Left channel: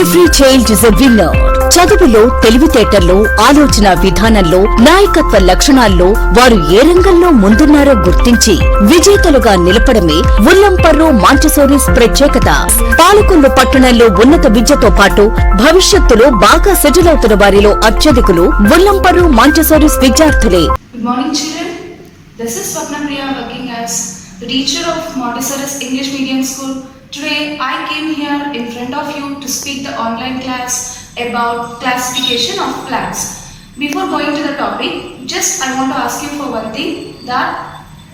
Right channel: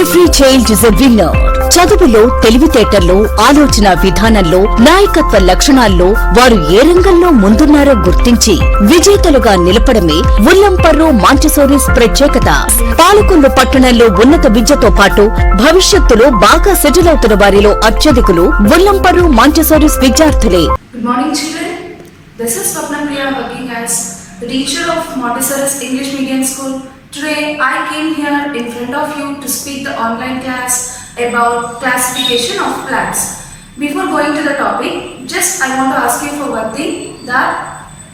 Every child is a winner. చదువులో, తెలివితేటల్లో, ఆలోచన విధానంలో, నాయకత్వ లక్షణాల్లో వారు ఏ రంగంలో ముందున్నారో గుర్తించి విజేతలుగా నిలపడమే ఉల్లంపర్రు మాంటిసోరీస్ ప్రత్యేకత. పాలకొల్లు పట్టణంలో ఉన్నత విద్యతో పాటు భవిష్యత్తులో బాగా సెటిల్ అవుతున్న వారిలో అత్యధికులు ఉల్లంపర్రు మాంటిసోరీస్ విద్యార్థులే. Good morning, children. This is Swapna Priya working as the teacher of Montessori's English Medium School. Today, I came here in front of you to speak the online class about classification of plants. Before going to the topic, just I want to ask you for one thing, that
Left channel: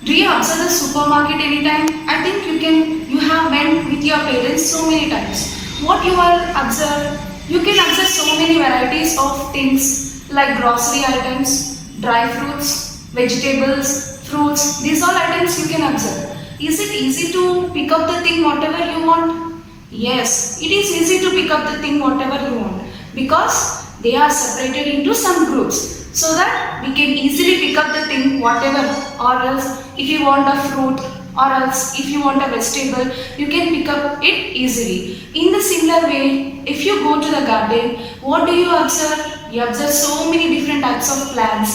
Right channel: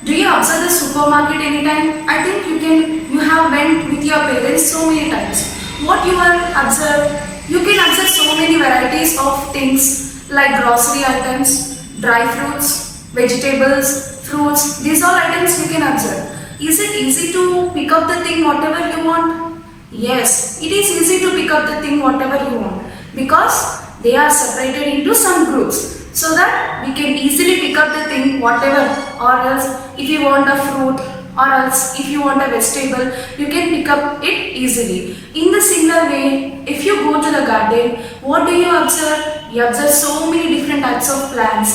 do you observe the supermarket anytime? I think you have went with your parents so many times. What you are observe? You can observe so many varieties of things like grocery items, dry fruits, vegetables, fruits. These all items you can observe. Is it easy to pick up the thing whatever you want? Yes, it is easy to pick up the thing whatever you want, because they are separated into some groups, so that we can easily pick up the thing whatever. Or else if you want a fruit, or else if you want a vegetable, you can pick up it easily. In the similar way, if you go to the garden, what do you observe? You observe so many different types of plants,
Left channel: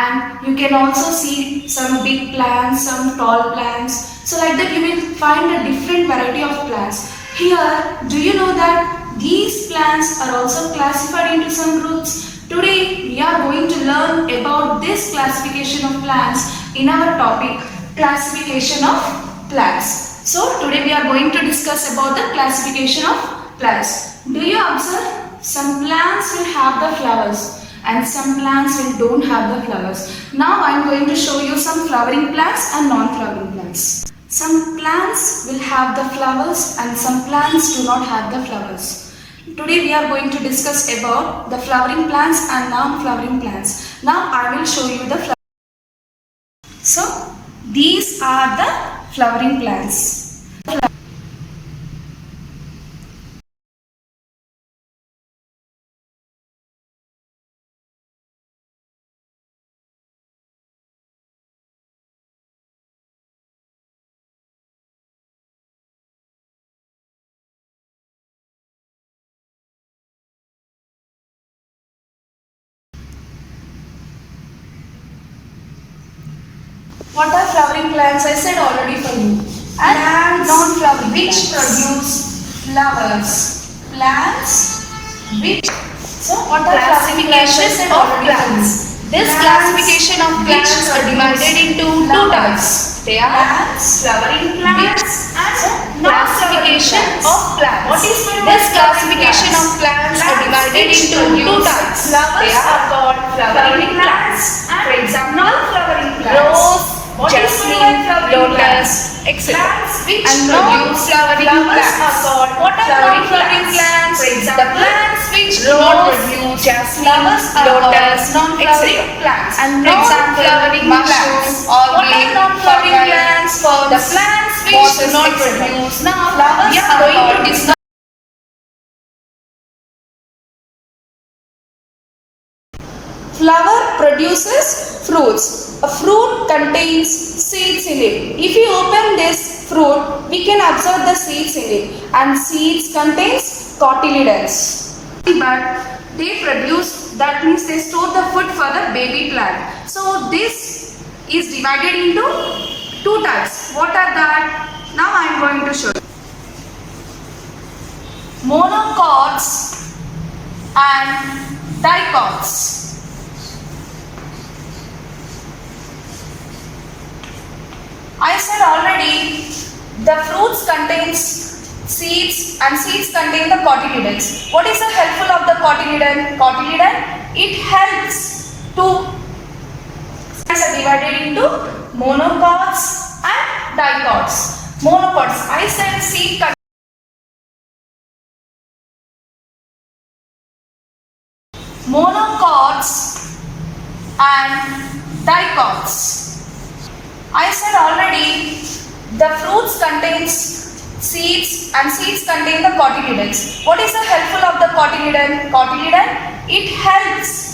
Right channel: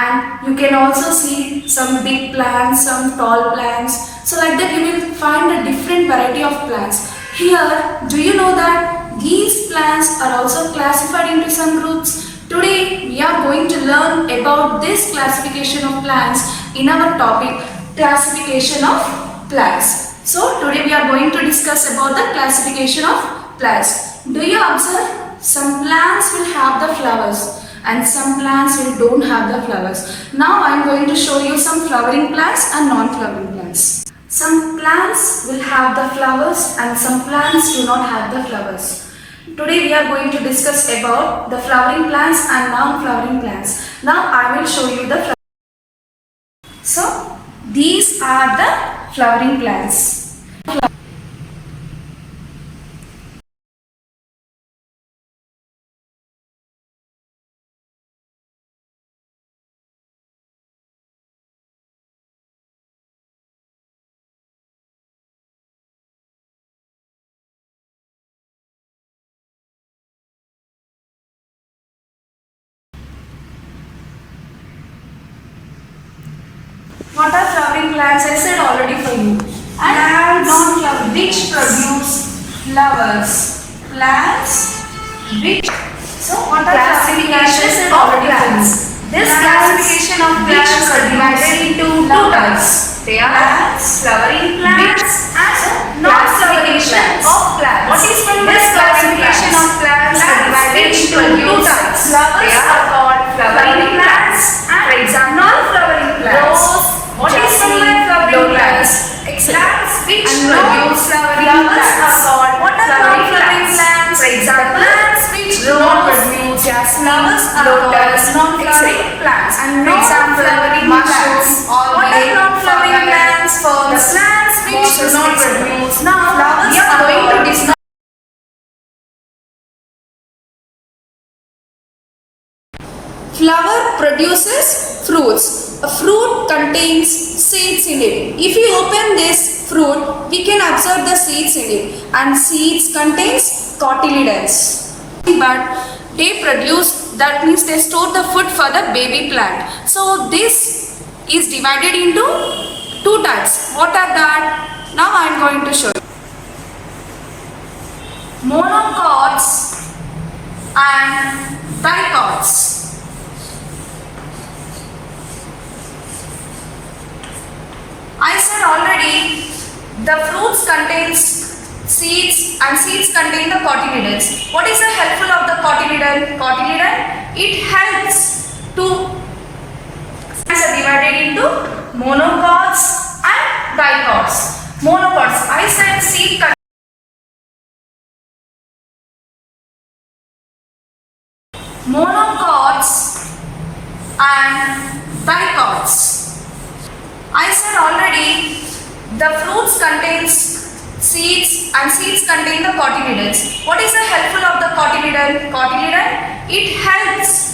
and you can also see some big plants, some tall plants. So like that you will find a different variety of plants. Here, do you know that these plants are also classified into some groups? Today we are going to learn about this classification of plants in our topic, classification of plants. So today we are going to discuss about the classification of plants. Do you observe? Some plants will have the flowers and some plants don't have the flowers. Now I am going to show you some flowering plants and non-flowering plants. Some plants will have the flowers and some plants do not have the flowers. Today we are going to discuss about the flowering plants and non-flowering plants. Now I will show you the flowers. So these are the flowering plants. What are flowering plants? I said already for you. And non-flowering, which produce flowers. Plants which. So what are classifications of plants? This classification of plants are divided into two types. They are flowering plants and non-classification of plants. What is this classification of plants are divided into two types. They are called flowering plants and, for example, non-flowering plants. What is flowering plants? Plants which produce flowering plants are called flowering plants. For example, plants which do not produce flowers are called non-flowering plants. And for example, flowering mushrooms or non-flowering plants forms the plants which do not produce flowers. We are going to discuss. Flower produces fruits. A fruit contains seeds in it. If you open this fruit, we can observe the seeds in it, and seeds contains cotyledons. But they produce, that means they store the food for the baby plant. So this is divided into two types. What are that? Now I am going to show you. Monocots and dicots. I said already, the fruits contains seeds and seeds contain the cotyledons. What is the helpful of the cotyledon? Cotyledon, it helps to are divided into monocots and dicots. Monocots, I said seed monocots and dicots. I said already, the fruits contains seeds and seeds contain the cotyledons. What is the helpful of the cotyledon? Cotyledon, it helps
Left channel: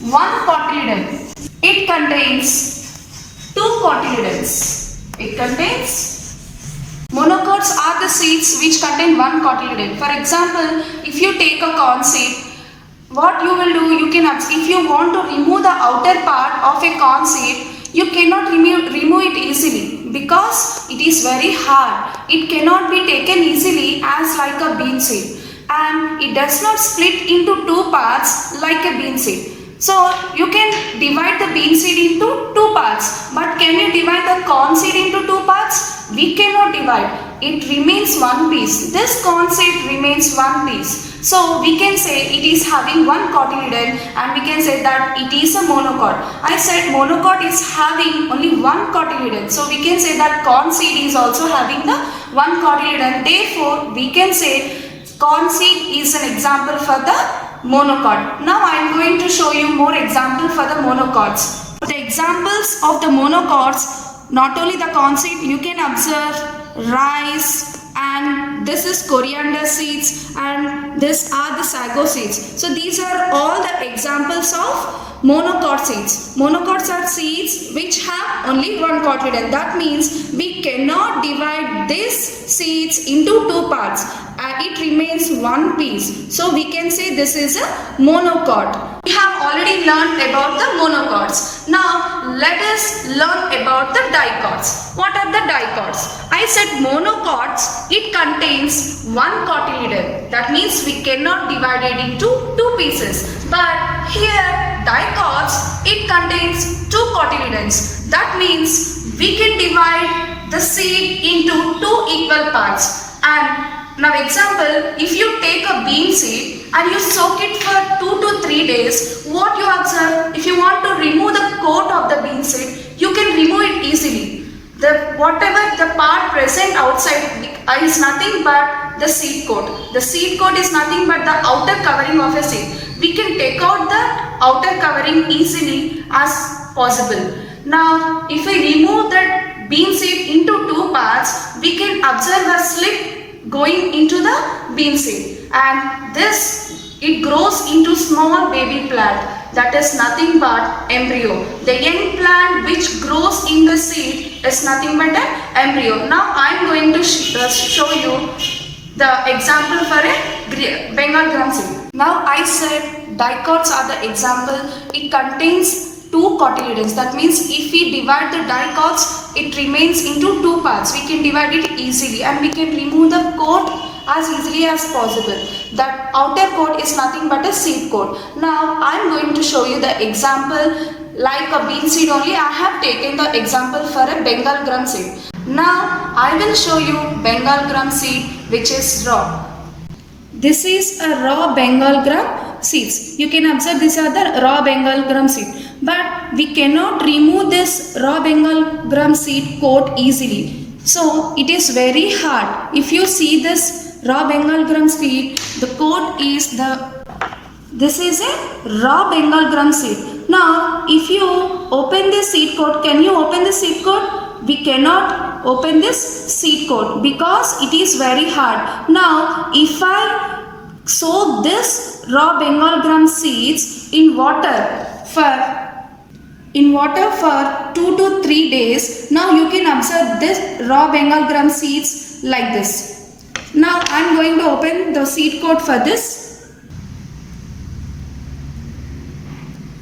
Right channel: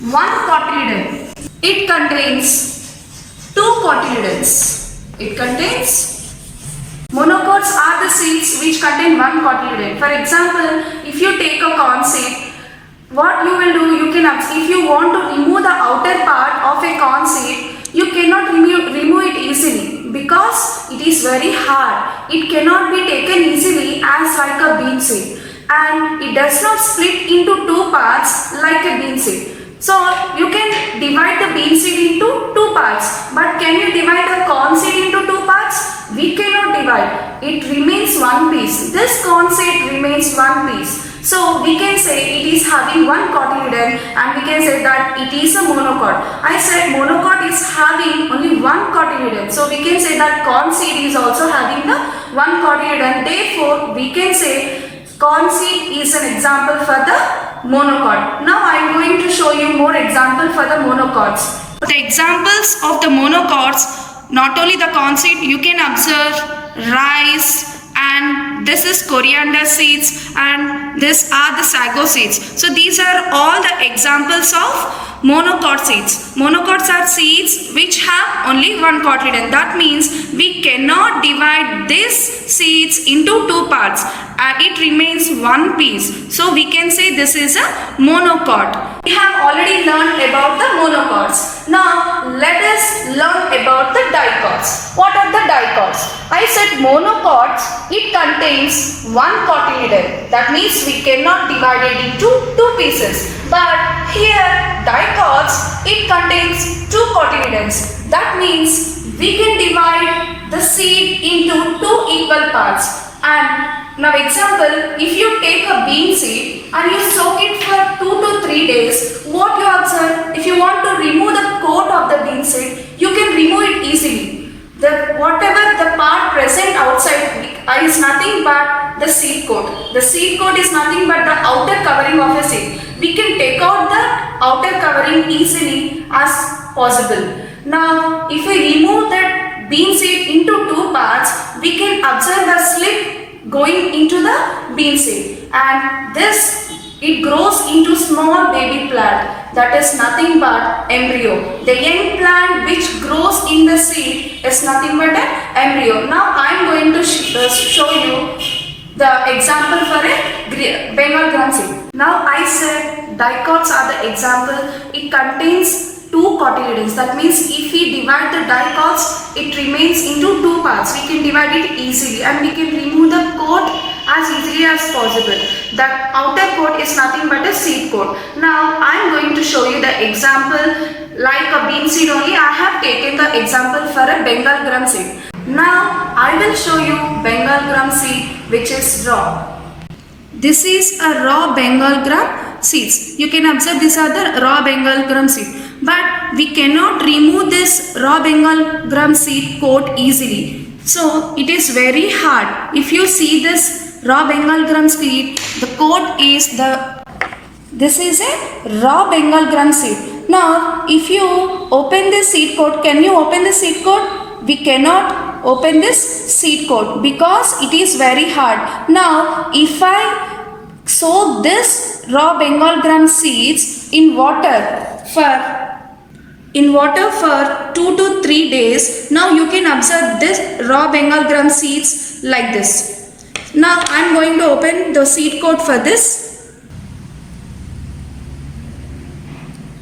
one cotyledon. It contains two cotyledons. It contains monocots are the seeds which contain one cotyledon. For example, if you take a corn seed, what you will do, if you want to remove the outer part of a corn seed, you cannot remove it easily because it is very hard. It cannot be taken easily as like a bean seed, and it does not split into two parts like a bean seed. So you can divide the bean seed into two parts, but can you divide the corn seed into two parts? We cannot divide. It remains one piece. This corn seed remains one piece. So we can say it is having one cotyledon, and we can say that it is a monocot. I said monocot is having only one cotyledon. So we can say that corn seed is also having the one cotyledon. Therefore, we can say corn seed is an example for the monocot. Now I am going to show you more examples for the monocots. The examples of the monocots, not only the corn seed, you can observe rice, and this is coriander seeds, and this are the sago seeds. So these are all the examples of monocot seeds. Monocots are seeds which have only one cotyledon. That means we cannot divide these seeds into two parts. It remains one piece. So we can say this is a monocot. We have already learned about the monocots. Now let us learn about the dicots. What are the dicots? I said monocots, it contains one cotyledon. That means we cannot divide it into two pieces. But here dicots, it contains two cotyledons. That means we can divide the seed into two equal parts. And now example, if you take a bean seed and you soak it for 2 to 3 days, what you observe, if you want to remove the coat of the bean seed, you can remove it easily. Whatever the part present outside is nothing but the seed coat. The seed coat is nothing but the outer covering of a seed. We can take out the outer covering easily as possible. Now if we remove that bean seed into two parts, we can observe a slit going into the bean seed, and this it grows into small baby plant, that is nothing but embryo. The young plant which grows in the seed is nothing but an embryo. Now I am going to show you the example for a Bengal gram seed. Now I said dicots are the example. It contains two cotyledons. That means if we divide the dicots, it remains into two parts. We can divide it easily, and we can remove the coat as easily as possible. That outer coat is nothing but a seed coat. Now I am going to show you the example like a bean seed only. I have taken the example for a Bengal gram seed. Now I will show you Bengal gram seed which is raw. This is a raw Bengal gram seeds. You can observe these are the raw Bengal gram seed. But we cannot remove this raw Bengal gram seed coat easily. So it is very hard. If you see this raw Bengal gram seed, the coat is this is a raw Bengal gram seed. Now if you open this seed coat, can you open the seed coat? We cannot open this seed coat because it is very hard. Now if I soak this raw Bengal gram seeds in water for 2 to 3 days, now you can observe this raw Bengal gram seeds like this. Now I am going to open the seed coat for this.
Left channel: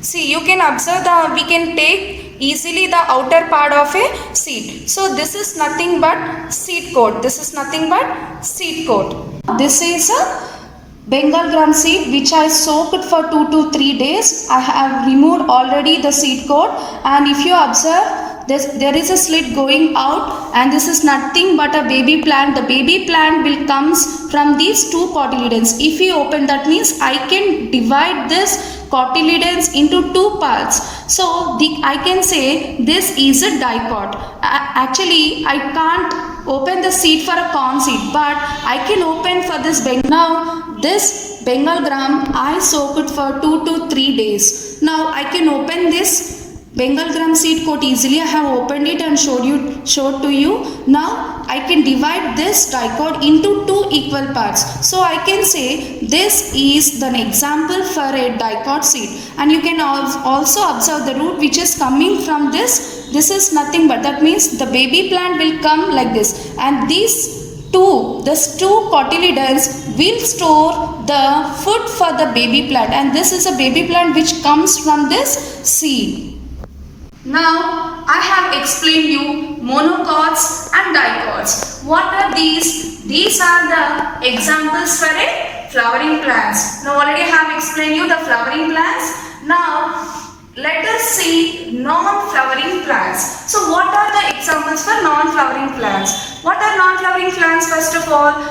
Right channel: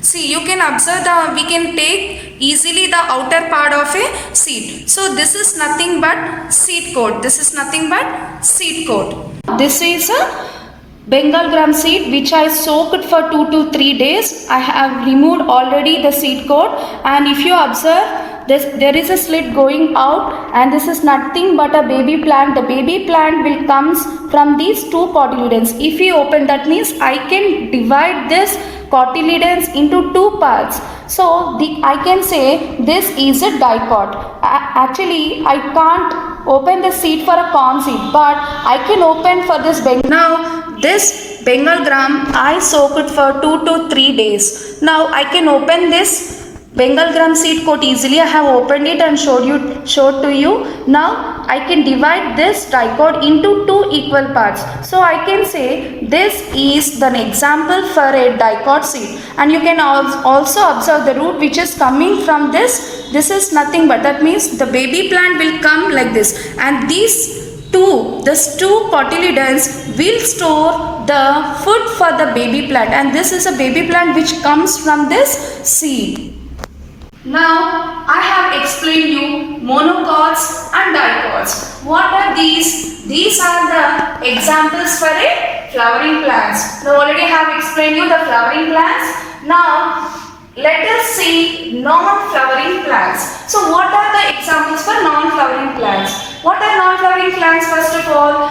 See, you can observe we can take easily the outer part of a seed. So this is nothing but seed coat. This is nothing but seed coat. This is a Bengal gram seed which I soaked for 2 to 3 days. I have removed already the seed coat, and if you observe this, there is a slit going out, and this is nothing but a baby plant. The baby plant will comes from these two cotyledons. If you open, that means I can divide this cotyledons into two parts. So I can say this is a dicot. Actually I can't open the seed for a corn seed, but I can open for this Bengal. Now this Bengal gram I soak it for 2 to 3 days. Now I can open this Bengal gram seed coat easily. I have opened it and showed to you. Now I can divide this dicot into two equal parts. So I can say this is an example for a dicot seed, and you can also observe the root which is coming from this. This is nothing but, that means the baby plant will come like this, and these two cotyledons will store the food for the baby plant, and this is a baby plant which comes from this seed. Now I have explained you monocots and dicots. What are these? These are the examples for a flowering plants. Now already I have explained you the flowering plants. Now let us see non-flowering plants. So what are the examples for non-flowering plants? What are non-flowering plants? First of all,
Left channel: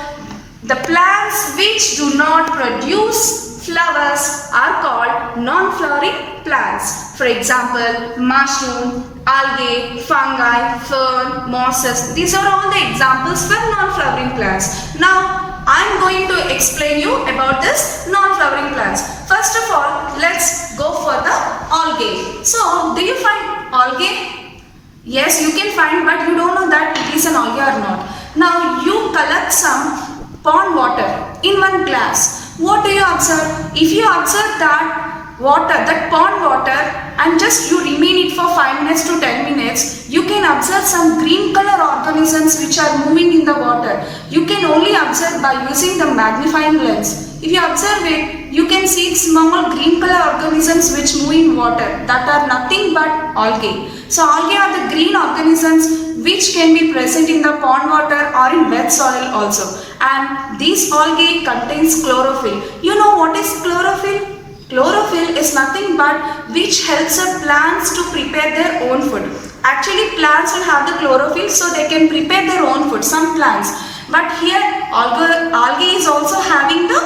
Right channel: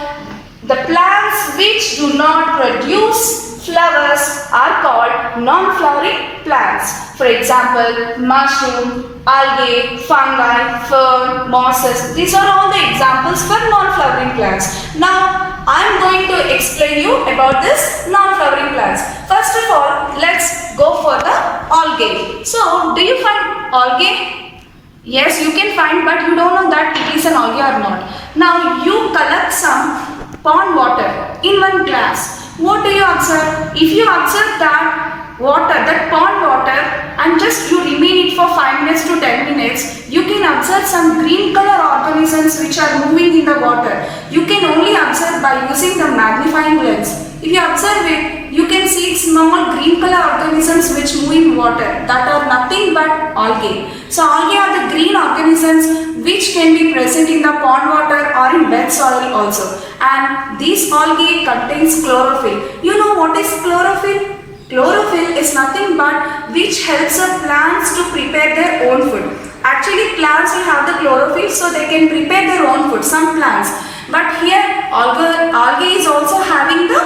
the plants which do not produce flowers are called non-flowering plants. For example, mushroom, algae, fungi, fern, mosses. These are all the examples for non-flowering plants. Now, I am going to explain you about this non-flowering plants. First of all, let's go for the algae. So, do you find algae? Yes, you can find, but you don't know that it is an algae or not. Now, you collect some pond water in one glass. What do you observe? If you observe that water, that pond water, and just you remain it for 5 minutes to 10 minutes, you can observe some green color organisms which are moving in the water. You can only observe by using the magnifying lens. If you observe it, you can see small green color organisms which move in water, that are nothing but algae. So algae are the green organisms which can be present in the pond water or in wet soil also. And these algae contains chlorophyll. You know what is chlorophyll? Chlorophyll is nothing but which helps the plants to prepare their own food. Actually, plants will have the chlorophyll so they can prepare their own food, some plants. But here algae is also having the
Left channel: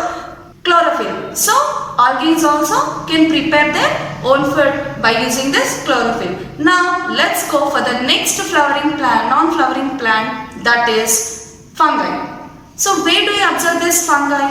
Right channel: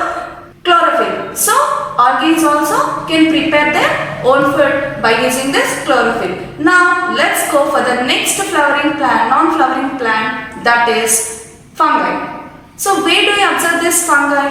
chlorophyll. So algae is also can prepare their own food by using this chlorophyll. Now let's go for the next flowering plant, non-flowering plant, that is fungi. So where do you observe this fungi?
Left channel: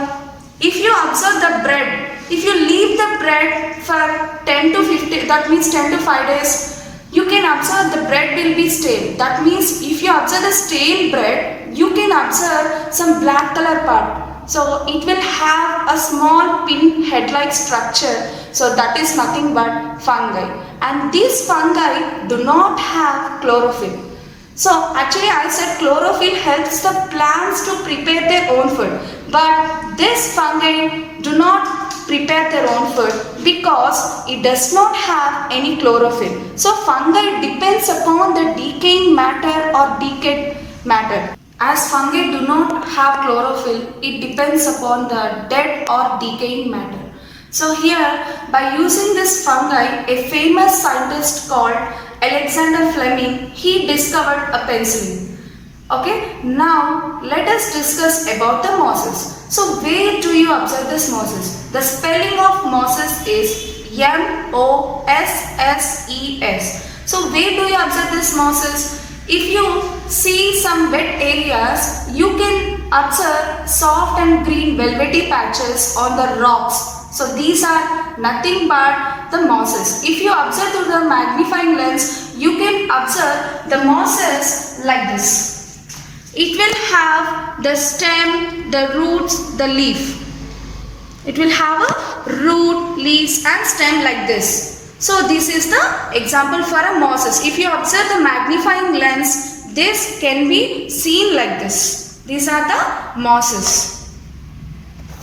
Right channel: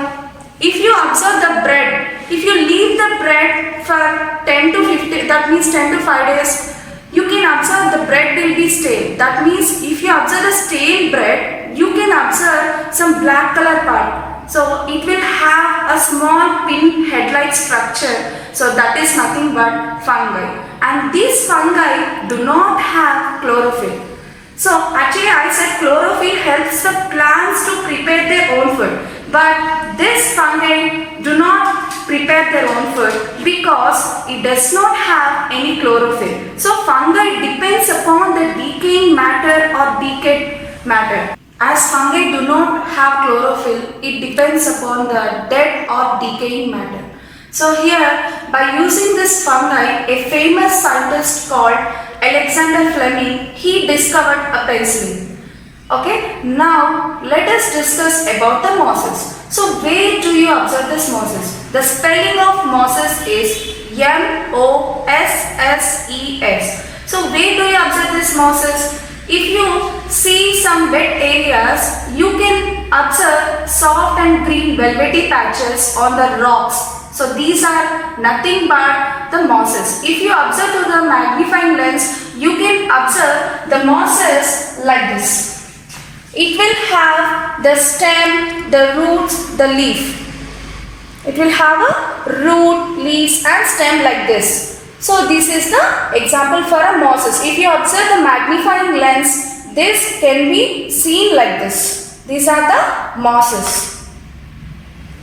If you observe the bread, if you leave the bread for 10 to 15, that means 10 to 5 days, you can observe the bread will be stale. That means if you observe the stale bread, you can observe some black color part. So it will have a small pin head-like structure. So that is nothing but fungi. And these fungi do not have chlorophyll. So actually I said chlorophyll helps the plants to prepare their own food. But this fungi do not prepare their own food because it does not have any chlorophyll. So fungi depends upon the decaying matter or decayed matter. As fungi do not have chlorophyll, it depends upon the dead or decaying matter. So here, by using this fungi, a famous scientist called Alexander Fleming, he discovered a penicillin. Okay, now let us discuss about the mosses. So where do you observe this mosses? The spelling of mosses is M-O-S-S-E-S. So where do you observe this mosses? If you see some wet areas, you can observe soft and green velvety patches on the rocks. So these are nothing but the mosses. If you observe through the magnifying lens, you can observe the mosses like this. It will have the stem, the roots, the leaf. It will have a root, leaves and stem like this. So this is the example for a mosses. If you observe the magnifying lens, this can be seen like this. These are the mosses.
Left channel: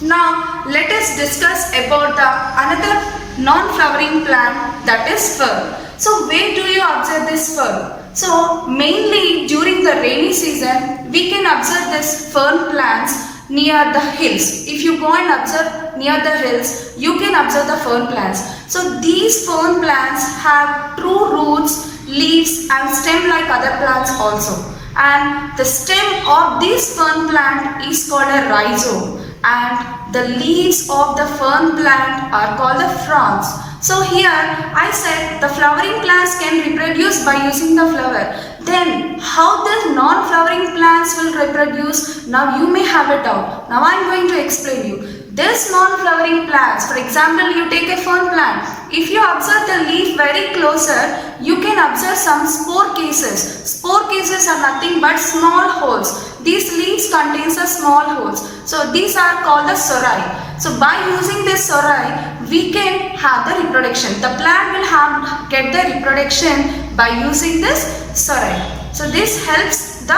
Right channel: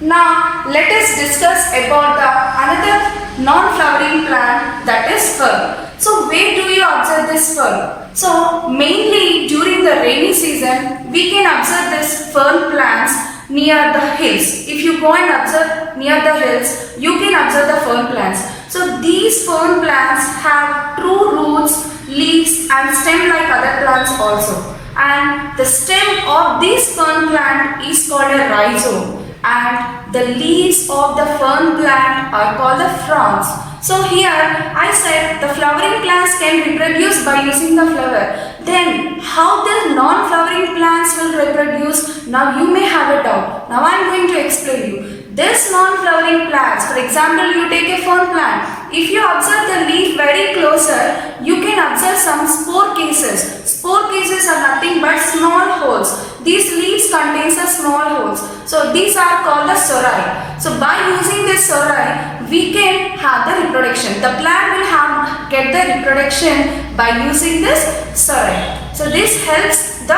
Now let us discuss about the another non-flowering plant, that is fern. So where do you observe this fern? So mainly during the rainy season, we can observe this fern plants near the hills. If you go and observe near the hills, you can observe the fern plants. So these fern plants have true roots, leaves and stem like other plants also. And the stem of this fern plant is called a rhizome. And the leaves of the fern plant are called the fronds. So here I said the flowering plants can reproduce by using the flower. Then how the non-flowering plants will reproduce? Now you may have a doubt. Now I am going to explain you. This non-flowering plants, for example, you take a fern plant. if you observe the leaf very closer, you can observe some spore cases. Spore cases are nothing but small holes. These leaves contains a small holes. So these are called the sori. So by using this sori, we can have the reproduction. The plant will get the reproduction by using this sori. So this helps the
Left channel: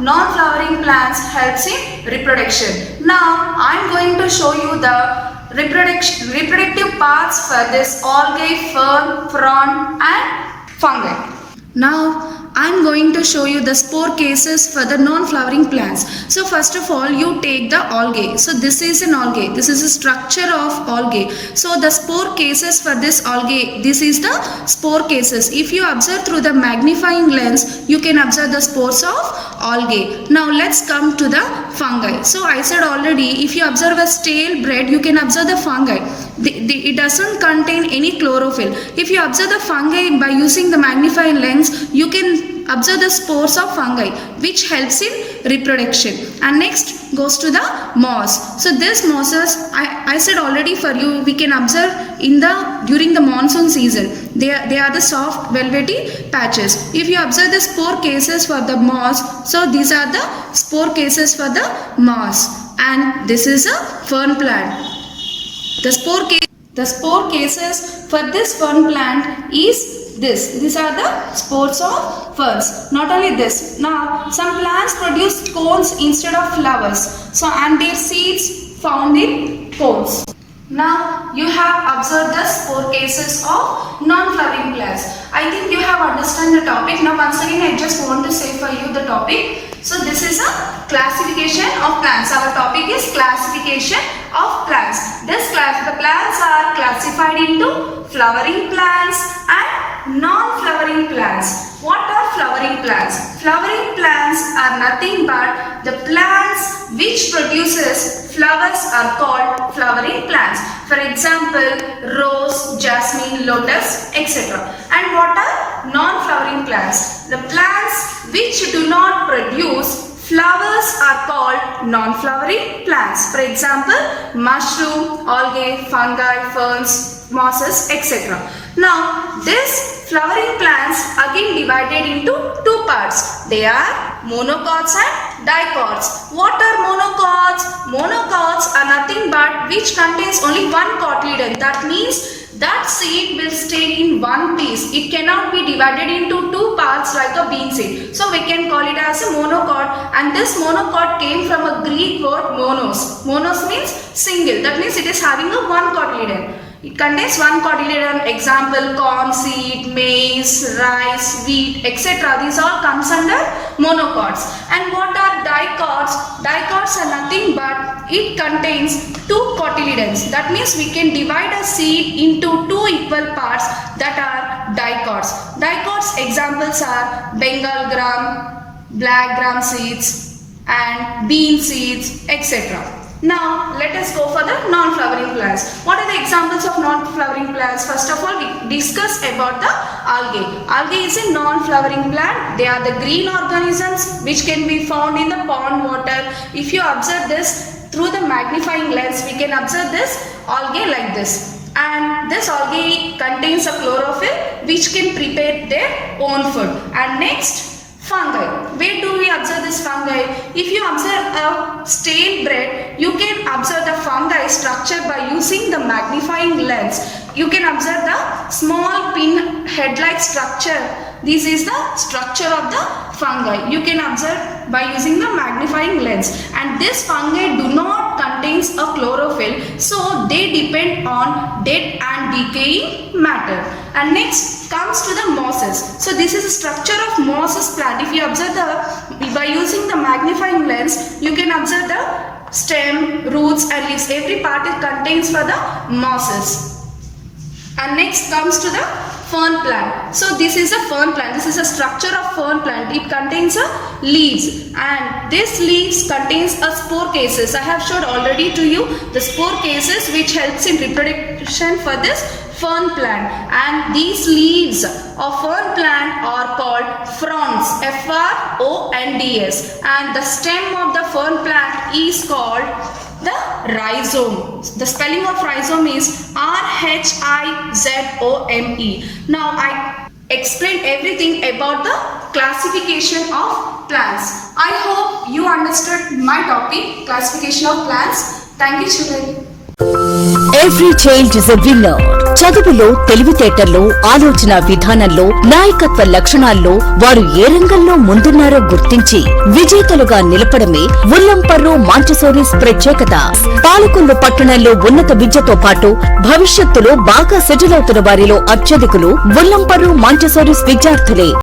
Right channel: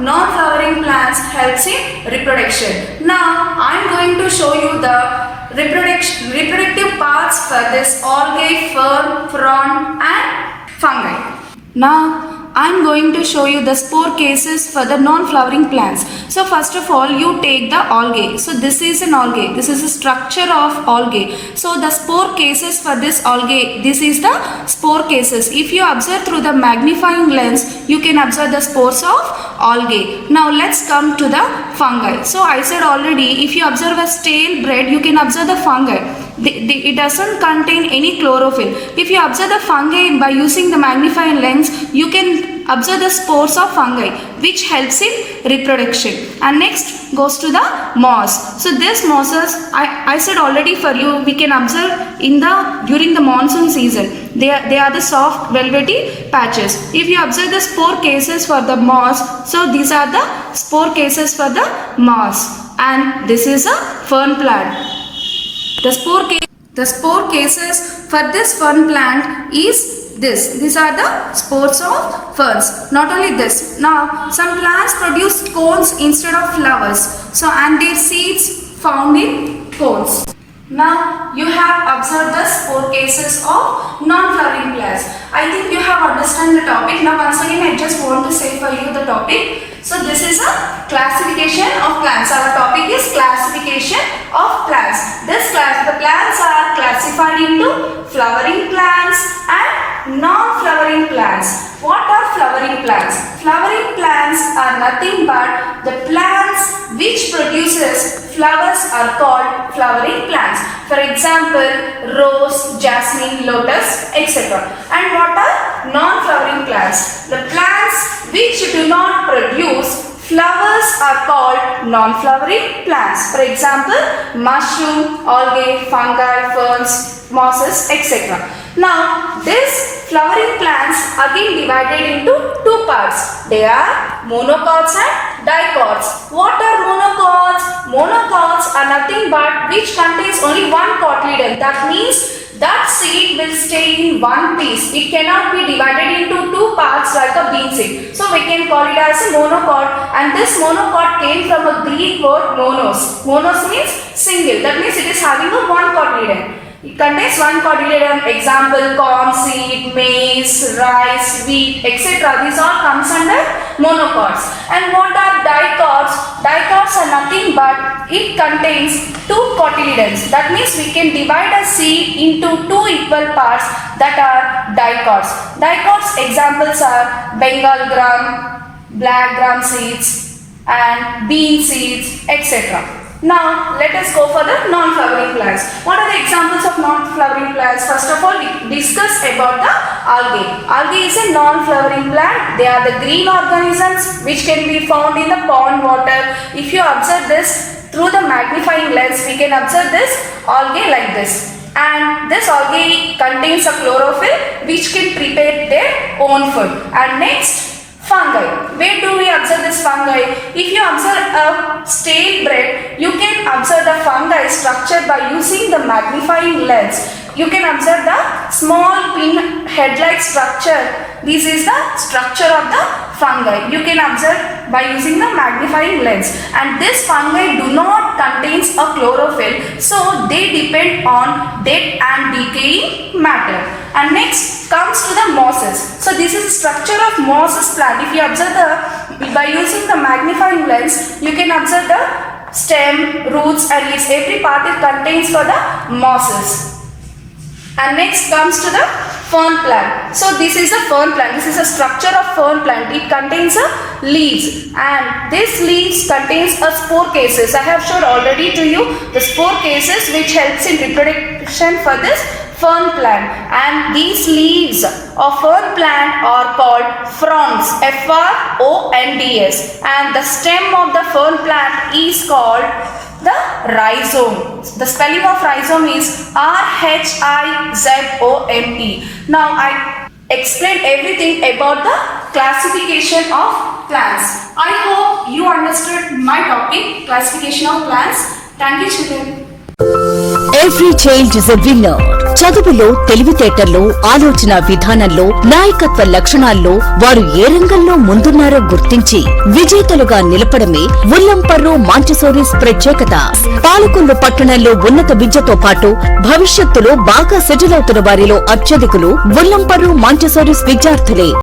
non-flowering plants helps in reproduction. Now I am going to show you the reproductive parts for this algae, fern, frond and fungi. Now I am going to show you the spore cases for the non-flowering plants. So first of all, you take the algae. So this is an algae. This is a structure of algae. So the spore cases for this algae, this is the spore cases. If you observe through the magnifying lens, you can observe the spores of algae. Now let's come to the fungi. So I said already, if you observe a stale bread, you can observe the fungi. It doesn't contain any chlorophyll. If you observe the fungi by using the magnifying lens, you can observe the spores of fungi, which helps in reproduction. And next goes to the moss. So this mosses, I said already for you, we can observe during the monsoon season. They are the soft velvety patches. If you observe the spore cases for the moss, so these are the spore cases for the moss. And this is a fern plant. The spore cases for this fern plant is this. These are the spores of ferns. Not only this. Now some plants produce cones instead of flowers. So and their seeds found in cones. Now you have observed the spore cases of non-flowering plants. I think you have understand the topic. Now once again I just want to say for you the topic. So this is a classification of plants. Our topic is classification of plants. The plants are classified into flowering plants and non-flowering plants. What are flowering plants? Flowering plants are nothing but the plants which produces flowers are called flowering plants. For example, rose, jasmine, lotus, etc. And what are non-flowering plants? The plants which do not produce flowers are called non-flowering plants. For example, mushroom, algae, fungi, ferns, mosses, etc. Now, these flowering plants again divided into two parts. They are monocots and dicots. What are monocots? Monocots are nothing but which contains only one cotyledon. That means that seed will stay in one piece. It cannot be divided into two parts like a bean seed. So we can call it as a monocot, and this monocot came from a Greek word monos. Monos means single. That means it is having a one cotyledon. It contains one cotyledon. Example, corn seed, maize, rice, wheat, etc. These all comes under monocots. And what are dicots? Dicots are nothing but it contains two cotyledons. That means we can divide a seed into two equal parts, that are dicots. Dicots examples are Bengal gram, black gram seeds and bean seeds, etc. Now let us go for the non-flowering plants. What are the examples of non-flowering plants? First of all, we discuss about the algae. Algae is a non-flowering plant. They are the green organisms which can be found in the pond water. If you observe this through the magnifying lens, we can observe this algae like this. And this algae contains a chlorophyll which can prepare their own food. And next, fungi. Where do we observe this fungi? If you observe a stale bread, you can observe the fungi structure by using the magnifying lens. You can observe the small pin head-like structure. This is the structure of the fungi. You can observe by using the magnifying lens. And this fungi do not contains a chlorophyll, so they depend on dead and decaying matter. And next comes to the mosses. So this is the structure of mosses plant. If you observe by using the magnifying lens, you can observe the stem, roots and leaves. Every part it contains for the mosses. And next comes to the fern plant. So this is a fern plant. This is a structure of fern plant. It contains leaves, and this leaves contains a spore cases. I have showed already to you the spore cases which helps in reproduction for this fern plant, and these leaves of fern plant are called fronds, F-R-O-N-D-S, and the stem of the fern plant is called the rhizome. The spelling of rhizome is R-H-I-Z-O-M-E. Now I explained everything about the classification of plants. I hope you understood my topic, classification of plants. Thank you, children. Every child is a winner. చదువులో, తెలివితేటల్లో, ఆలోచన విధానంలో, నాయకత్వ లక్షణాల్లో వారు ఏ రంగంలో ముందున్నారో గుర్తించి విజేతలుగా నిలపడమే ఉల్లంపర్రు మాంటిసోరీస్ ప్రత్యేకత. పాలకొల్లు పట్టణంలో ఉన్నత విద్యతో పాటు భవిష్యత్తులో బాగా సెటిల్ అవుతున్న వారిలో అత్యధికులు ఉల్లంపర్రు మాంటిసోరీస్ విద్యార్థులే.